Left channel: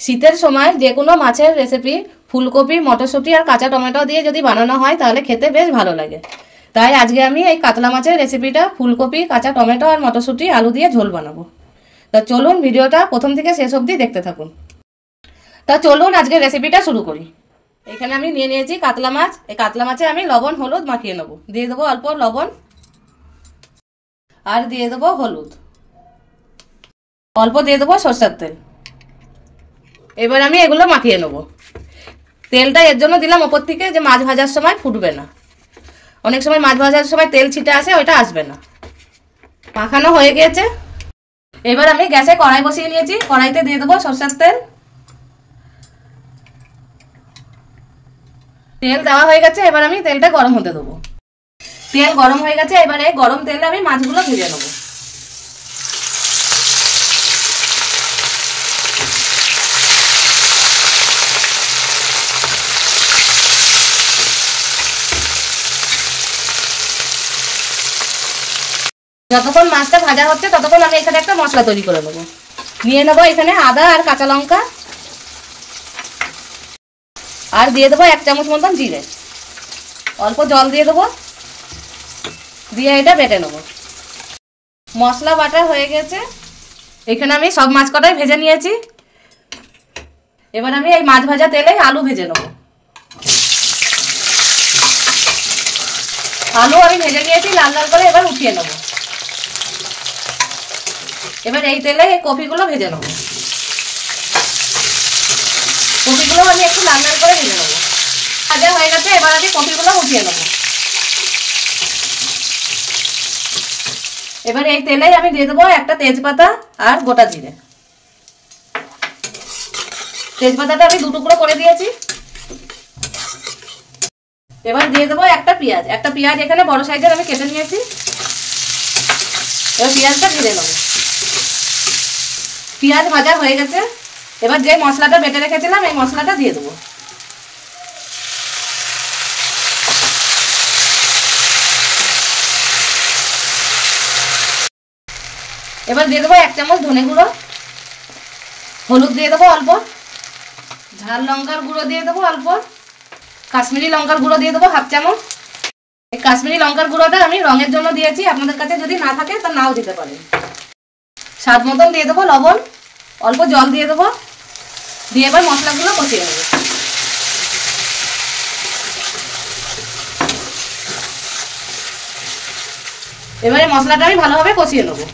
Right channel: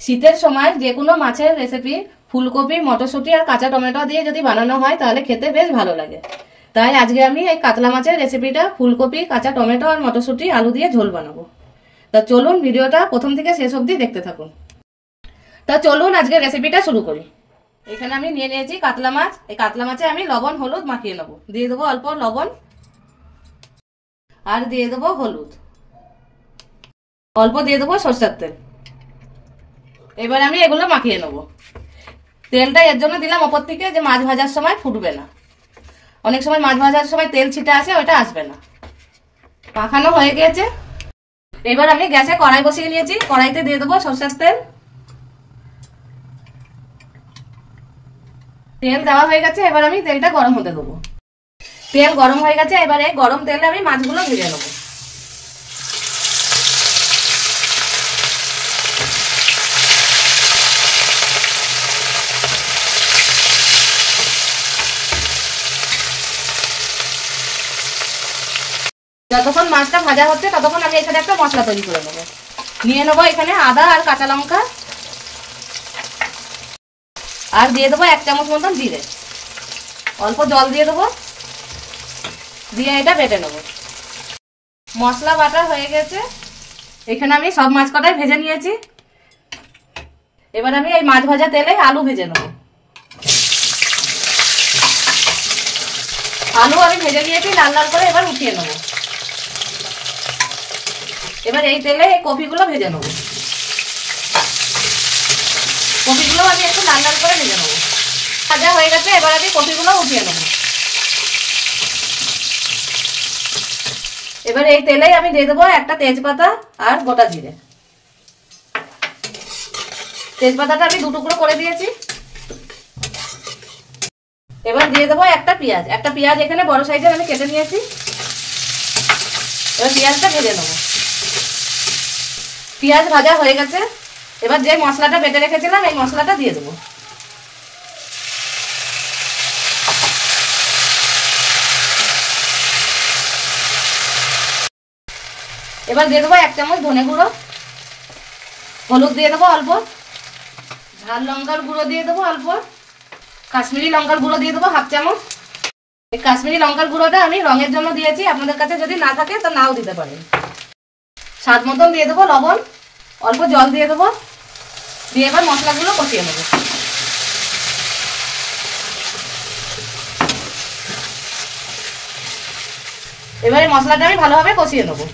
শীতের সময় যে কোনো মাছের রেসিপি ফুলকপি, মটরশুঁটি আর কাঁচা টমেটো দিয়ে যদি বানানো হয় তাহলে খেতে বেশ ভালো লাগে। তাই আজকে আমি এই কাতলা মাছের রেসিপিটা ফুলকপি, কাঁচা টমেটো আর মটরশুঁটি, আলু দিয়ে ঝোল বানাবো। তা চলুন ভিডিওটা প্রথম থেকে শেষ অবধি দেখতে থাকুন। তা চলুন আজকে রেসিপিটা শুরু করি। এখানে আমি নিয়ে নিয়েছি কাতলা মাছ। এই কাতলা মাছে আমি লবণ হলুদ মাখিয়ে নেবো। দিয়ে দেবো অল্প লবণ আর দিয়ে দেবো হলুদ, অল্প দিয়ে দেবো সরষের তেল। এবার আমি এগুলো মাখিয়ে নেবো। তেলটা এর জন্য দিলাম ওপর থেকে যে মাছ ভাজার সময় ফুটবে না। অনেক সময় মাছ ভাজার সময় তেল ছিটে আসে, ওইটা আসবে না। মাখানো হয়ে গেছে। এবার আমি গ্যাসে কড়াই বসিয়ে নিয়েছি। কড়াইতে দিয়ে দেবো সরষের তেল। তেল দেওয়া হয়ে গেছে। এবার আমি তেলটা গরম হতে দেবো। তেল গরম হয়ে গেছে। এবারে গরম তেলে আমি মাছগুলো ভেজে নেবো। যতক্ষণ মাছটা ভাজা হচ্ছে ততক্ষণ আমি এখানে একটা মশলা তৈরি করে নেবো। নিয়ে নেবো এখানে আদা আর কাঁচা লঙ্কা, আর দিয়ে দেবো 1 চামচ মতন জিরে। অল্প জল দিয়ে দেবো, দিয়ে এটা বেটে নেবো। মশলা বাটা হয়ে গেছে। এখানে আমি সব মাছ কটাই ভেজে নিয়েছি। এবার আমি এই মাছ ভাজা তেলে আলু ভেজে নেবো। আলু আমি ভেজে নিয়েছি লাল লাল করে, এবার উঠিয়ে নেবো। এবার এই তেলে এই কপিগুলো ভেজে নেবো। কপিগুলো আমি একটু লাল লাল করে ভেজে নেবো। ভাজা হয়ে গেছে। এবার আমি কপিগুলো উঠিয়ে নেবো। এবার এই তেলেই আমি দিয়ে দেবো একটা তেজপাতা আর গোটা জিরে। তেজপাতাটা আমি 2 টুকরো করে দিয়েছি। এবার দিয়ে দেবো একটা পেঁয়াজ। একটা পেঁয়াজ এখানে বড় সাইজের আমি কেটে নিয়েছি। এবার পেঁয়াজটা ভেজে নেবো। পেঁয়াজ ভাজা হয়ে গেছে। এবার যে মশলাটা বেটে রেখেছিলাম এই মশলাটা দিয়ে দেবো। এবার দিয়ে দেবো 1 চামচ ধনে গুঁড়ো, হলুদ দিয়ে দেবো অল্প, ঝাল লঙ্কার গুঁড়ো দিয়ে দেবো অল্প, কাশ্মীরি লঙ্কার গুঁড়ো দিয়ে দেবো 1/2 চামচ। এই কাশ্মীরি লঙ্কার গুঁড়োটা আমি রঙের জন্য দিয়েছি, আপনাদের কাছে যদি না থাকে তা নাও দিতে পারেন। স্বাদ মতন দিয়ে দেবো লবণ, অল্প জল দিয়ে দেবো, দিয়ে এবার মশলাগুলো কষিয়ে নেবো। এবারে মশলাটা আমি ভালোভাবে কষিয়ে নেবো।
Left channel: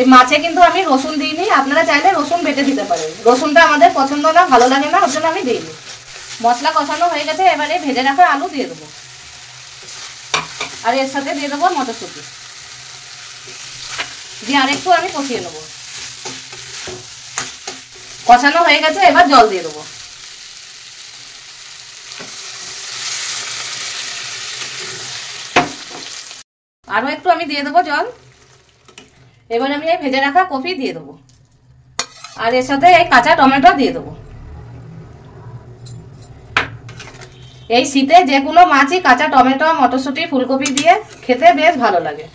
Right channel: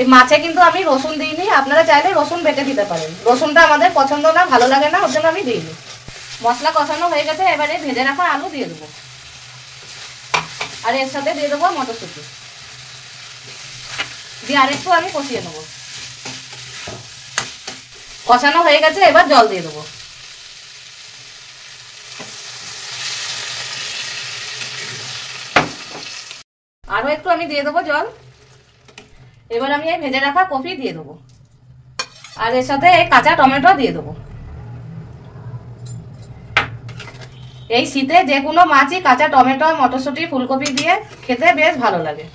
এই মাছে কিন্তু আমি রসুন দিইনি, আপনারা চাইলে রসুন বেটে দিতে পারেন। রসুনটা আমাদের পছন্দ না, ভালো লাগে না, ওর জন্য আমি দিইনি। মশলা কষানো হয়ে গেছে। এবারে ভেজে রাখা আলু দিয়ে দেবো, আর এর সাথে দিয়ে দেবো মটরশুঁটি, দিয়ে আরেকটু আমি কষিয়ে নেবো। কষানো হয়ে গেছে। এবার জল দিয়ে দেবো। আরো একটু আমি দিয়ে দেবো জল। এবার আমি এই ভেজে রাখা কপি দিয়ে দেবো, আর এর সাথে এই কাঁচা টমেটো দিয়ে দেবো। এই শীতে যে কোনো মাছই কাঁচা টমেটো, মটরশুঁটি, ফুলকপি দিয়ে খেতে বেশ ভালো লাগে।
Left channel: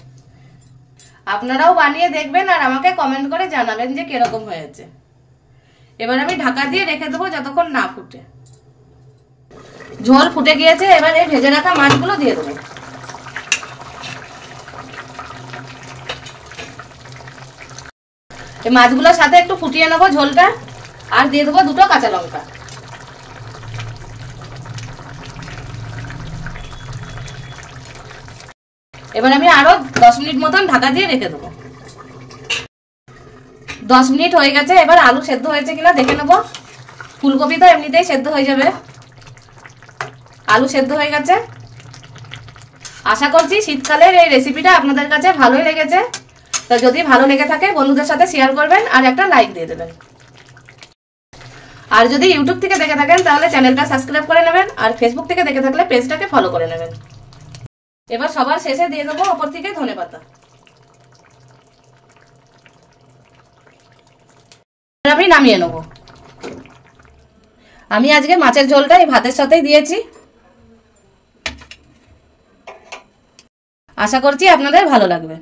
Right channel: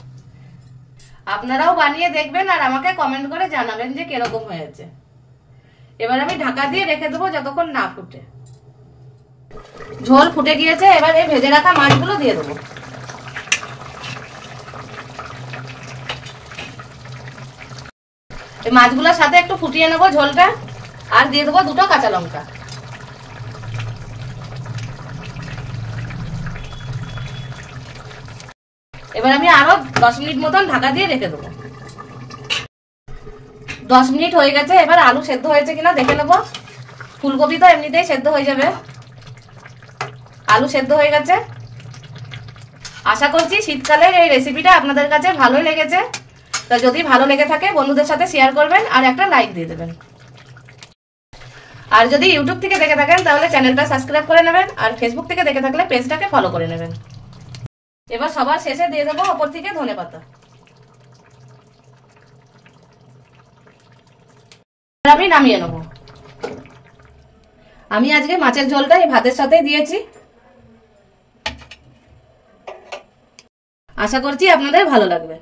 আপনারাও বানিয়ে দেখবেন আর আমাকে কমেন্ট করে জানাবেন যে কিরকম হয়েছে। এবার আমি ঢাকা দিয়ে রেখে দেবো যতক্ষণ না ফুটে। ঝোল ফুটে গিয়েছে। এবার এই ভেজে রাখা মাছগুলো দিয়ে দেবো। এই মাছগুলোর সাথে একটু ফুটিয়ে নেবো ঝোলটা, আর দিয়ে দেবো 2টো কাঁচা লঙ্কা। এবার আমি আরো 10 মিনিট মতন ঢাকা দিয়ে রেখে দেবো। 10 মিনিট হয়ে গেছে। এবার আলু সেদ্ধ হয়েছে কিনা দেখে নেবো। ফুলকপি তো এমনিতেই সেদ্ধ হয়ে যাবে। আলু সেদ্ধ হয়ে গেছে। আশা করছি শীতকালের এই রেসিপিটা আপনাদের কাছে ভালোই লেগেছে। তো যদি ভালো লেগে থাকে বন্ধুদের সাথে শেয়ার করবেন আর একটা লাইক দিয়ে দেবেন। আর যদি ইউটিউব থেকে দেখে থাকেন তাহলে চ্যানেলটা সাবস্ক্রাইব করে নেবেন, আর ফেসবুক থেকে দেখে থাকলে পেজটাকে ফলো করে নেবেন। এবার সবার শেষে দিয়ে দেবো ওপর থেকে ধনেপাতা। আমি নামিয়ে নেবো। আমি আজকে মাছের ঝোলটা এই ভাতের সাথেই দিয়েছি। আশা করছি আপনাদের ভালো লাগবে।